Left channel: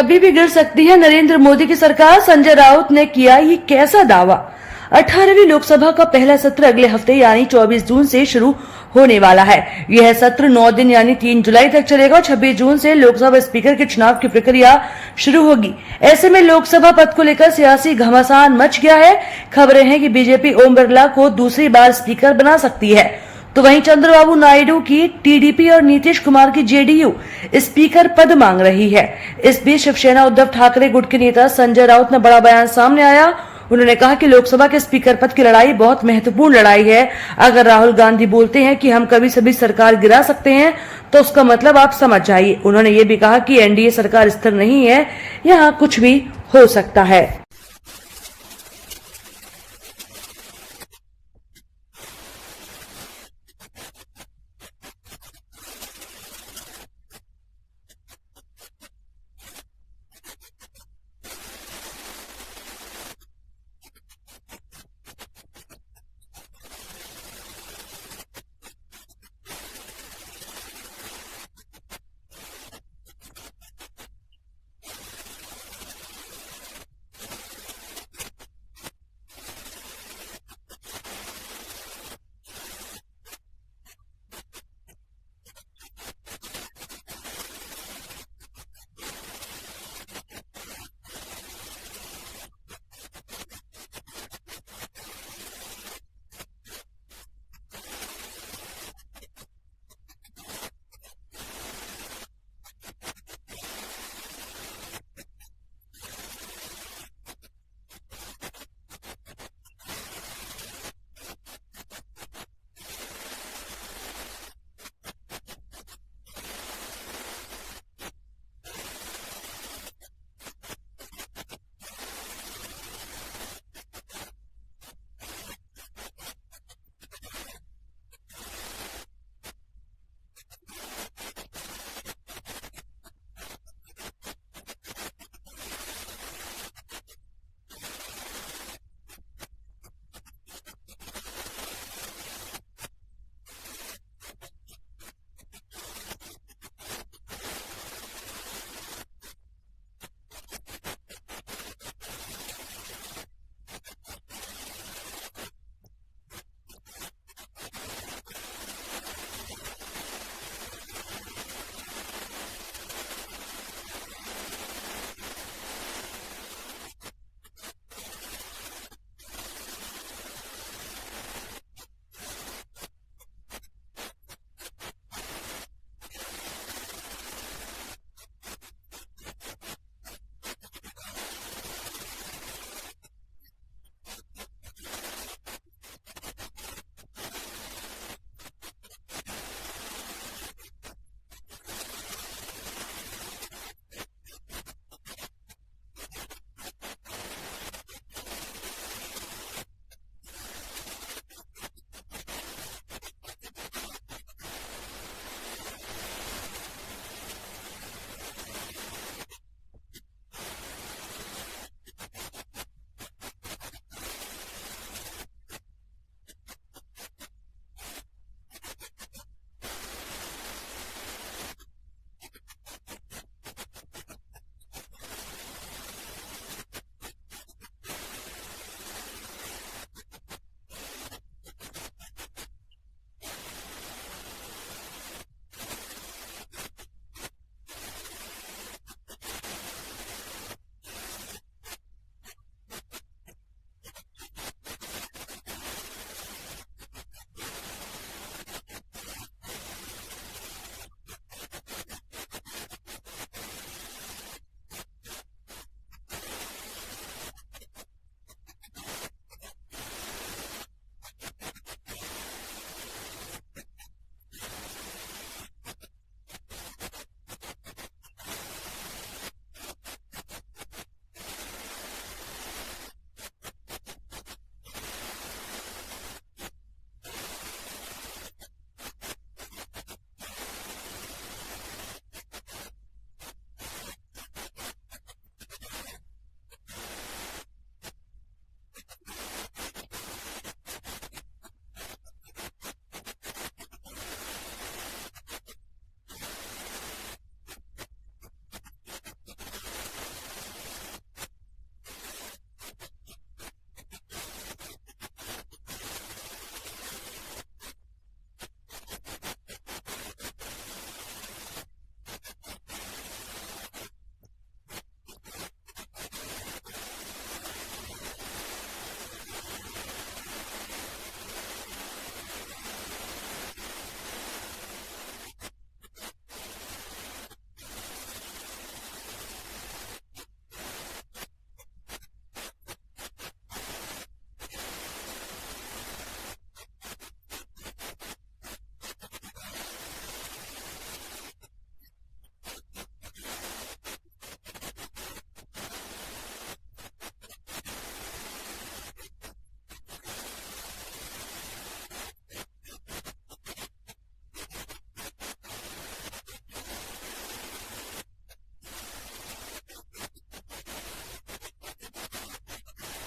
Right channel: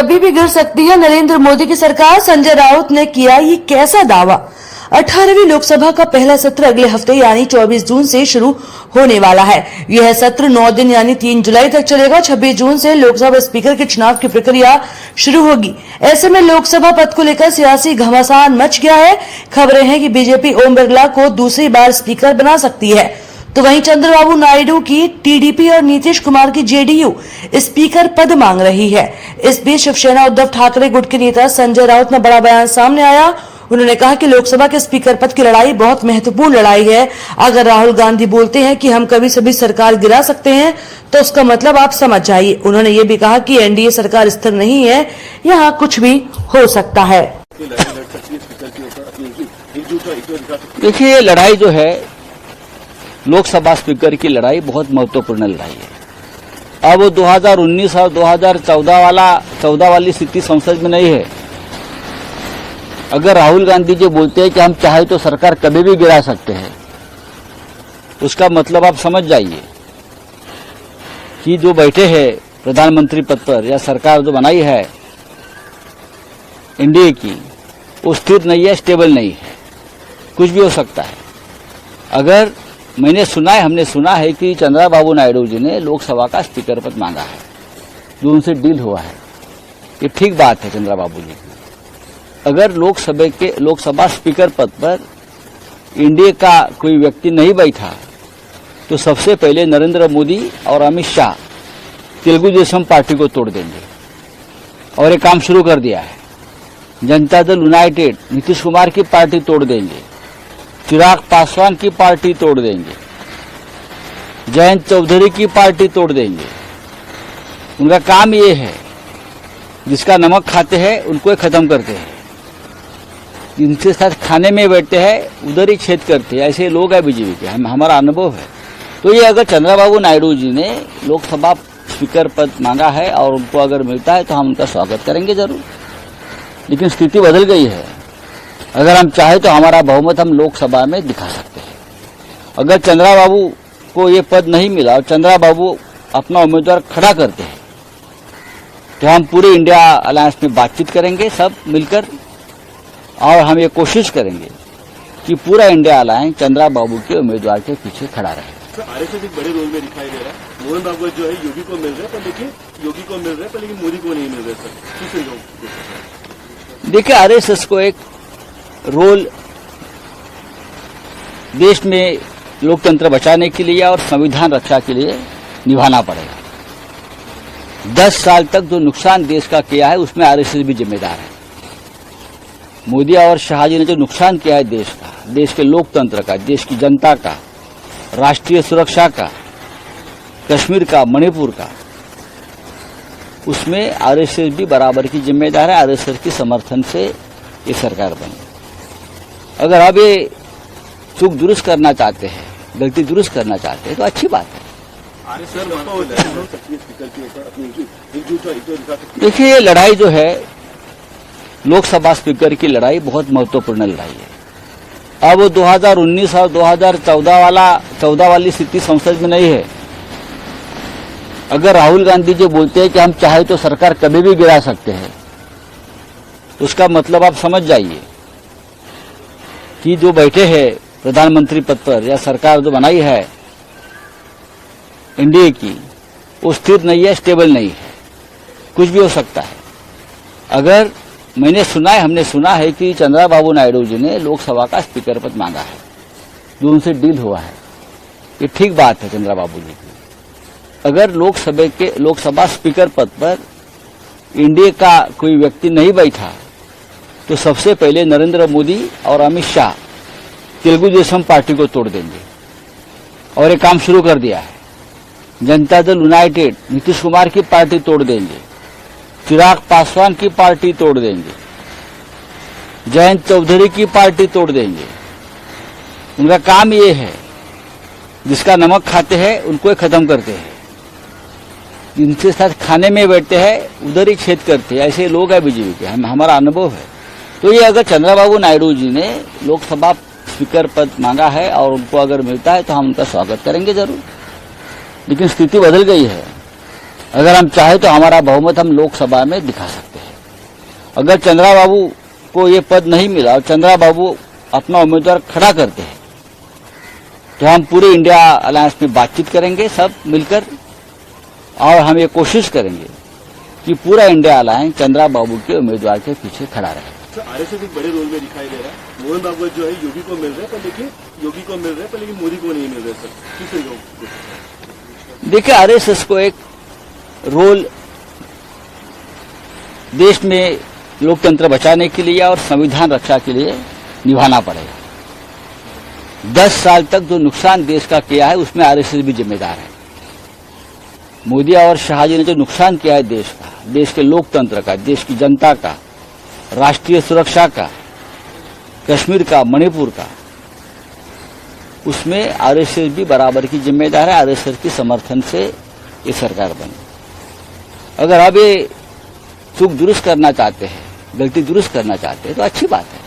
कभी भी गिर सकती है नरेंद्र मोदी की सरकार, संजय राउत ने किया ये कैसा दावा। 18वीं लोकसभा का पहला सत्र अगले हफ्ते यानी 24 जून से शुरू होने वाला है। यह सत्र 9 दिन यानी 3 जुलाई तक चलेगा। 26 जून से लोकसभा स्पीकर के चुनाव की प्रक्रिया शुरू होगी। ऐसे में लोकसभा पद को लेकर सियासी घमासान मच गया है। खबरें हैं कि बीजेपी ओम बिरला को दूसरी बार स्पीकर बना सकती है, तो वहीं चंद्रबाबू नायडू की टीडीपी और नीतीश कुमार की जेडीयू स्पीकर पद मांग रही है। इस बीच शिवसेना उद्धव ठाकरे गुट के नेता संजय राउत ने बड़ा बयान सामने आया। उन्होंने कहा कि लोकसभा के स्पीकर पद की लड़ाई बहुत महत्वपूर्ण लड़ाई है। अगर राहुल गांधी बोलते हैं कि हम कभी सभी सरकार गिरा सकते हैं, तो उसका मतलब आप समझ जाइए। उन्होंने ये भी कहा कि एनडीए सरकार स्थिर नहीं है, यहाँ कुछ भी हो सकता है। देखिए, ये लड़ाई जो है लोकसभा स्पीकर की लड़ाई बहुत महत्वपूर्ण लड़ाई है। अब 2019 और 2014 वाली स्थिति संसद में नहीं है। अगर राहुल गांधी जी बोलते हैं कि हम चाहे तो सरकार कभी भी गिरा सकते हैं, उसका मतलब आप समझ जाइए कि जो बैठे हैं प्रधानमंत्री पद पर या सरकार जो बनाई है एनडीए की, वो स्थिर नहीं है, स्टेबल नहीं है, कुछ भी हो सकता है। अगर हमने सुना है कि चंद्रबाबू नायडू जी ने लोकसभा का स्पीकर पद मांगा है, जो उनसे डील हुआ है। ये ठीक बात है चंद्रबाबू जी की। अगर लोकसभा स्पीकर पद पर एनडीए का कोई व्यक्ति नहीं बैठा, तो सबसे पहले नरेंद्र मोदी और अमित शाह तेलुगु देशम पार्टी को तोड़ देंगे, और ये काम शुरू कर दिया है। जनता दल यूनाइटेड नीतीश कुमार की पार्टी तोड़ देंगे, चिराग पासवान की पार्टी तोड़ देंगे, जयंत चौधरी की पार्टी तोड़ देंगे। उनका काम ये है, जिसका नमक खाते हैं उनको खत्म करते हैं, जिनके साथ खाने में बैठते हैं उधर ही छेद करते हैं। ऐसे लोग हैं बीजेपी के, हमारा अनुभव है। तो ये अगर चंद्रबाबू नायडू जी ने लोकसभा स्पीकर पद मांगा है और उनको अगर मिलता है, तो हम उनका स्वागत करेंगे जरूर। लेकिन स्थिति बदल गई है। अगर हम चाहे तो हमारा बहुमत हम लोकसभा में दिखा सकते हैं। अगर चंद्रबाबू को ये पद नहीं मिला और चंद्रबाबू अपना उम्मीदवार खड़ा करते हैं, तो हम पूरे इंडिया अलायंस में बातचीत करेंगे सब मिलकर, और हम ये कोशिश करेंगे कि पूरा इंडिया अलायंस चंद्रबाबू के उम्मीदवार के पीछे खड़ा रहे। आरएसएस एक बड़े रोल में दिखाई दे रहा है। मोहन भागवत जो है योगी को मिल रहे हैं, पर देखिए योगी को मिल रहे हैं, पर लेकिन मोदी को नहीं मिल रहे सर। देखिए, आरएसएस को एक रोल देश में लोकतंत्र बचाने के लिए और संविधान रक्षा के लिए निभाना पड़ेगा। 10 साल तक जो नुकसान देश का किया है, उसमें आरएसएस भी जिम्मेदार है। मोदी और शाह जी ने जो नुकसान किया है देश का, देश के लोकतंत्र का, देश की जनता का, राष्ट्रीय सुरक्षा का, कश्मीर का, मणिपुर का, उसमें आरएसएस भी बराबर की जिम्मेदार है। आरएसएस के समर्थन से ये सरकार बनी। अगर आप ये चूक दुरुस्त करना चाहते हैं, गलती दुरुस्त करना चाहते हैं, तो अच्छी बात है। देखिए, ये लड़ाई जो है लोकसभा स्पीकर की लड़ाई बहुत महत्वपूर्ण लड़ाई है। अब 2019 और 2014 वाली स्थिति संसद में नहीं है। अगर राहुल गांधी जी बोलते हैं कि हम चाहे तो सरकार कभी भी गिरा सकते हैं, उसका मतलब आप समझ जाइए कि जो बैठे हैं प्रधानमंत्री पद पर या सरकार जो बनाई है एनडीए की, वो स्थिर नहीं है, स्टेबल नहीं है, कुछ भी हो सकता है। अगर हमने सुना है कि चंद्रबाबू नायडू जी ने लोकसभा का स्पीकर पद मांगा है, जो उनसे डील हुआ है। ये ठीक बात है चंद्रबाबू जी की। अगर लोकसभा स्पीकर पद पर एनडीए का कोई व्यक्ति नहीं बैठा, तो सबसे पहले नरेंद्र मोदी और अमित शाह तेलुगु देशम पार्टी को तोड़ देंगे, और ये काम शुरू कर दिया है। जनता दल यूनाइटेड नीतीश कुमार की पार्टी तोड़ देंगे, चिराग पासवान की पार्टी तोड़ देंगे, जयंत चौधरी की पार्टी तोड़ देंगे। उनका काम ये है, जिसका नमक खाते हैं उनको खत्म करते हैं, जिनके साथ खाने में बैठते हैं उधर ही छेद करते हैं। ऐसे लोग हैं बीजेपी के, हमारा अनुभव है। तो ये अगर चंद्रबाबू नायडू जी ने लोकसभा स्पीकर पद मांगा है और उनको अगर मिलता है, तो हम उनका स्वागत करेंगे जरूर। लेकिन स्थिति बदल गई है। अगर हम चाहे तो हमारा बहुमत हम लोकसभा में दिखा सकते हैं। अगर चंद्रा बाबू को ये पद नहीं मिला और चंद्रा बाबू अपना उम्मीदवार खड़ा करते हैं तो हम पूरे इंडिया अलायंस में बातचीत करेंगे सब मिलकर, और हम ये कोशिश करेंगे कि पूरा इंडिया अलायंस चंद्रा बाबू के उम्मीदवार के पीछे खड़ा रहे। तो आरएसएस एक बड़े रोल में दिखाई दे रहा है। मोहन भागवत जो है योगी को मिल रहे हैं, पर लेकिन योगी को मिल रहे हैं, पर लेकिन मोदी को नहीं मिल रहे। सर किस तरीके? देखिए, आरएसएस को एक रोल देश में लोकतंत्र बचाने के लिए और संविधान रक्षा के लिए निभाना पड़ेगा। 10 साल तक जो नुकसान देश का किया है उसमें आरएसएस भी जिम्मेदार है। मोदी और शाह जी ने जो नुकसान किया है देश का, देश के लोकतंत्र का, देश की जनता का, राष्ट्रीय सुरक्षा का, कश्मीर का, मणिपुर का, उसमें आरएसएस भी बराबर की जिम्मेदार है। आरएसएस के समर्थन से ये सरकार बनी। अगर अब ये चूक दुरुस्त करना चाहते हैं, गलती दुरुस्त करना चाहते हैं तो अच्छी बात है।